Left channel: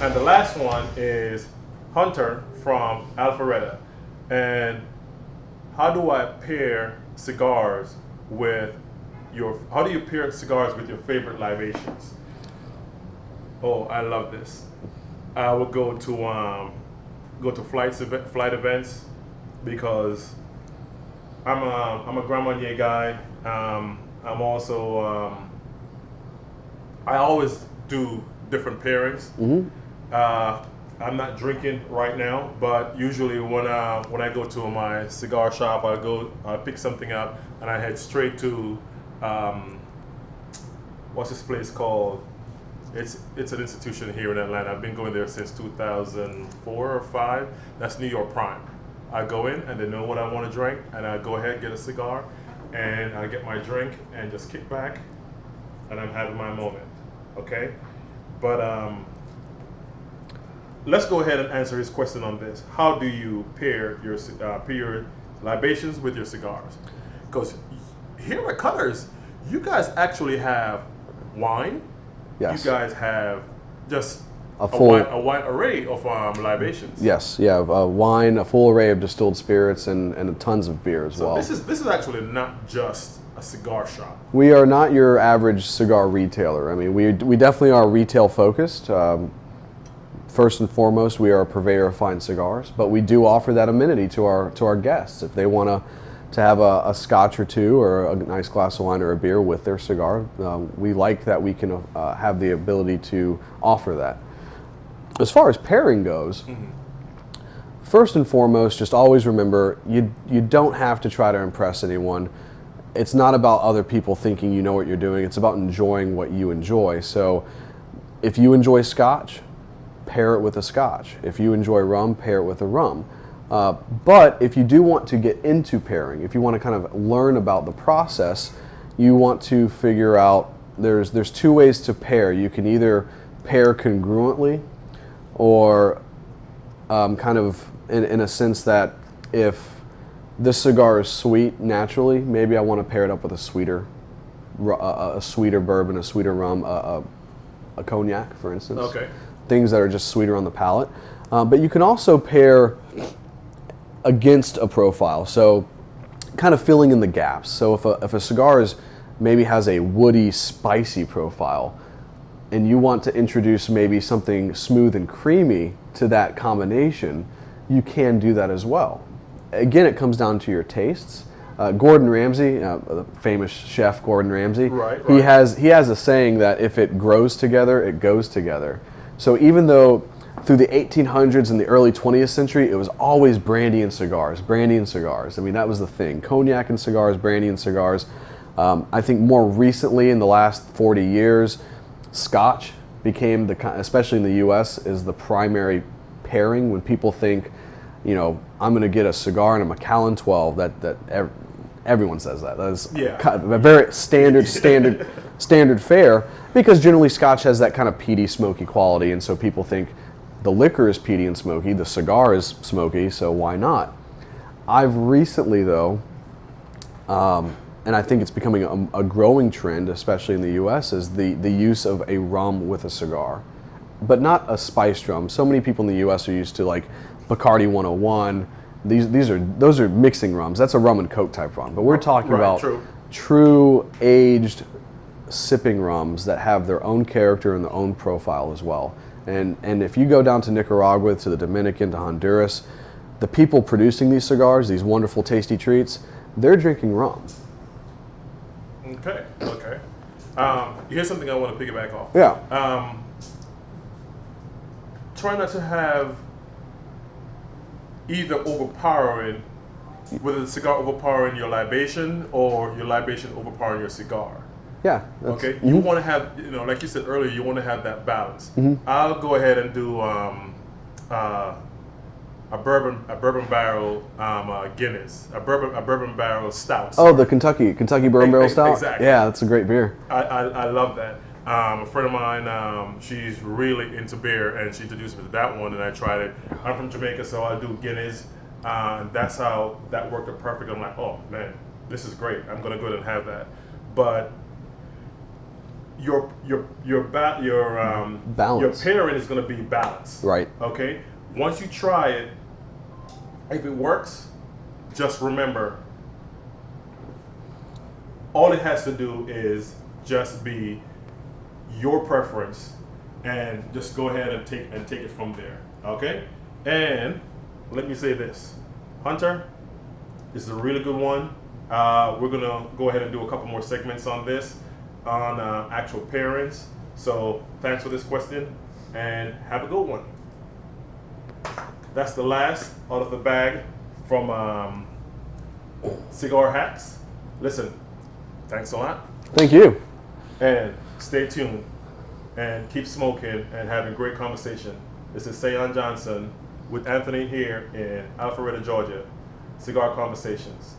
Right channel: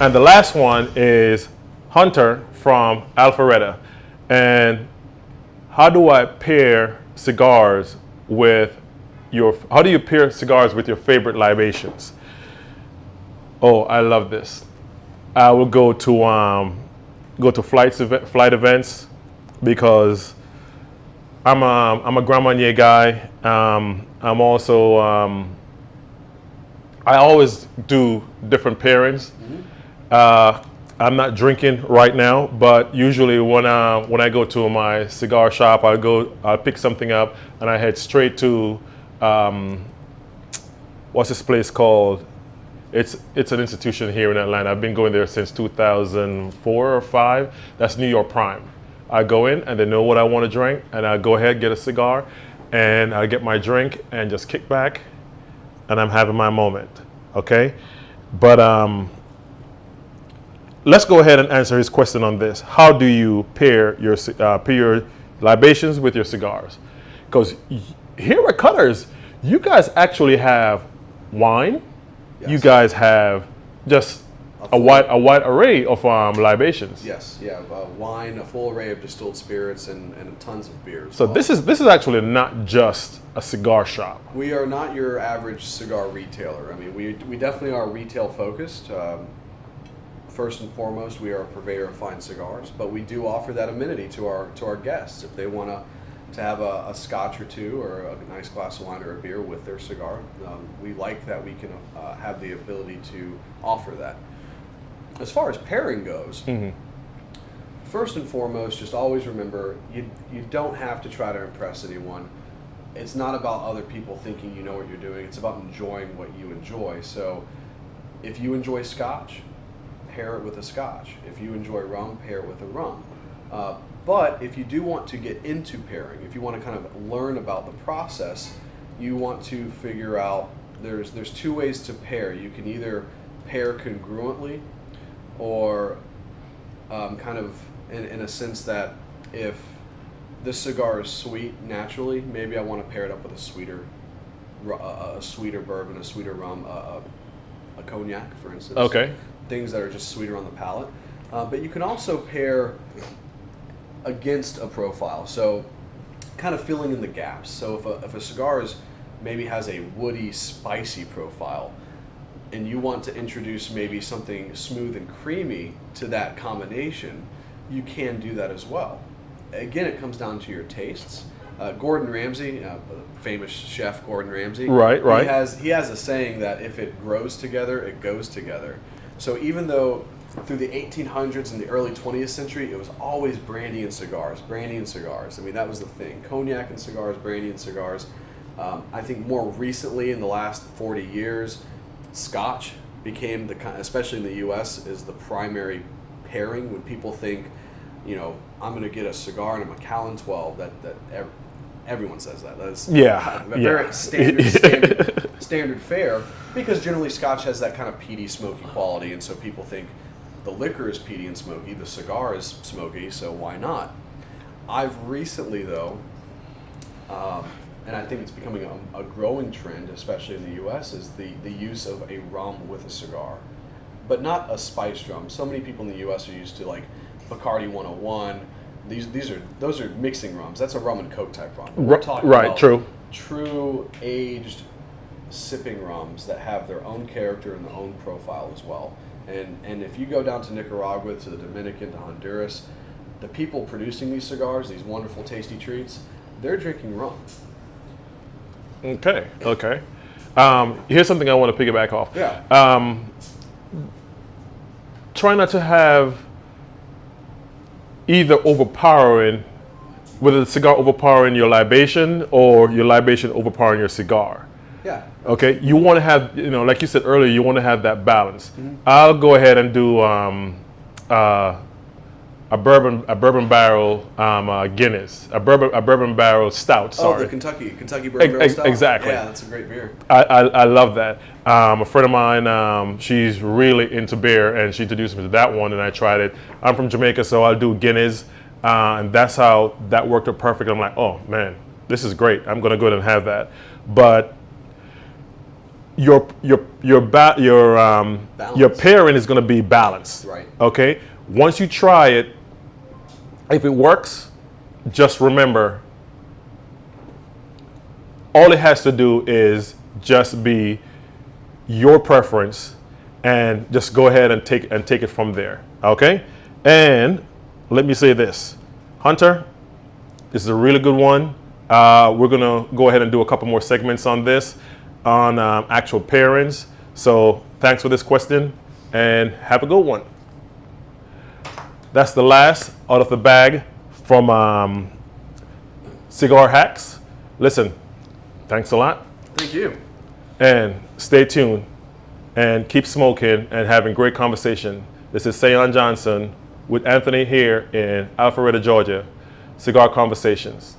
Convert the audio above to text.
And the last one is Hunter from Alpharetta. And how do I pair cigars with how do you pair cigars with your favorite libations? Oh, I love this. I will go to flight events because I'm a Grand Marnier guy. I'm also I always do different pairings. I'm not drinking right now, but usually when I go to my cigar shop, I'll pick something up and I head straight to what's this place called? It's an institution here in Atlanta. I've been going there since 2004 or 5. That's New York Prime. I go in and they know what I want to drink, and I go ahead, get a cigar, and I get my drink and just kick back, and I'm having my moment. Okay, but let's go ahead and answer his question on this. How do you pair your libations with your cigars? Because here at Cutters, you guys actually have wine. Yes. You guys have just a wide array of libations. Yes, yeah, wine, a full array of distilled spirits, and tons of beers. So this is actually not just a cigar shop. We are not your average cigar retailer. I mean, we definitely are retail focused. First and foremost, we are a purveyor of fine cigars, but we do offer that amenity to our guests if they want to have a scotch or two or a nice glass of wine or a beer with their cigar. We like that we can have the ability to offer that. As far as pairing goes, first and foremost, just always remember you don't have to try to impress anyone. It's not about other people thinking you know what you're doing. It's about enjoying what you enjoy. So if you enjoy scotch, pair it with a scotch. If you enjoy rum, pair it with a rum. But if you do want to get into pairing, if you want to kind of learn about the process, you want to figure out there's two ways to pair. You can either pair congruently, or kind of in a sense that if this cigar is sweet naturally, maybe I want to pair it up with a sweeter bourbon, a sweeter rum, a cognac, for instance. Okay. Things that are just sweeter on the palate. But you can also pair against a profile, so kind of filling in the gaps. So if a cigar maybe has a woody, spicy profile, and you want to introduce maybe something smooth and creamy to that combination, you can do that as well. Again, it comes down to your tastes. Gordon Ramsay, the famous chef Gordon Ramsay, right. He has a saying that if it grows together, it goes together. So even though through the 1800s and the early 20th century, it was always brandy and cigars. I mean, that was the thing. Cognac and cigars, brandy and cigars. I think more recently, in the last 40 years, scotch became especially in the U.S., is the primary pairing. When people think, I'm going to get a cigar and a Macallan 12, that everyone says that. That's kind of a very standard fare, because generally scotch has that kind of peaty, smoky quality, and so people think the liquor is peaty and smoky, the cigar is smoky, so why not? I've recently, though, and I think it's becoming a growing trend, especially in the U.S., is the use of a rum with a cigar, but not a spiced rum. So many people in the U.S. are used to like Bacardi 101. Those are mixing rums. That's a rum and coke type rum. But we're talking about true aged sipping rums that have their own character and their own profile as well. And if you go down to Nicaragua, to the Dominican, to Honduras, the people producing these cigars, these wonderful tasty treats, they're drinking rum. Okay. Here's something I want to piggyback off. Yeah. Try not to have either whether the cigar overpowering your libation or your libation overpowering your cigar. Yeah. Okay. You want to have, like you said earlier, you want to have that balance. I'll go ahead and do a bourbon barrel Guinness, a bourbon barrel stout. Sorry. Oh, the Kentucky bourbon barrel stout. Exactly. Yeah, that's a great beer. I love that. A friend of mine, she's really into beer, and she introduced me to that one, and I tried it. I'm from Jamaica, so I'll do Guinness, and that's how that worked out perfect. I'm like, oh man, this is great. I'm gonna go ahead and have that. But your pairing is going to be balanced. Right. Okay. Once you try it, if it works, just remember, all it has to do is just be your preference, and just go ahead and take it from there. Okay. And let me say this, Hunter, this is a really good one. We're gonna go ahead and do a couple more segments on this, on actual pairings. So thanks for this question, and have a good one. That's the last out of the bag from Cigar Hacks. Listen, thanks a lot, Thank you. and stay tuned, and keep smoking and having great conversation. This is Sayon Johnson with Anthony here in Alpharetta, Georgia. Cigar Conversations.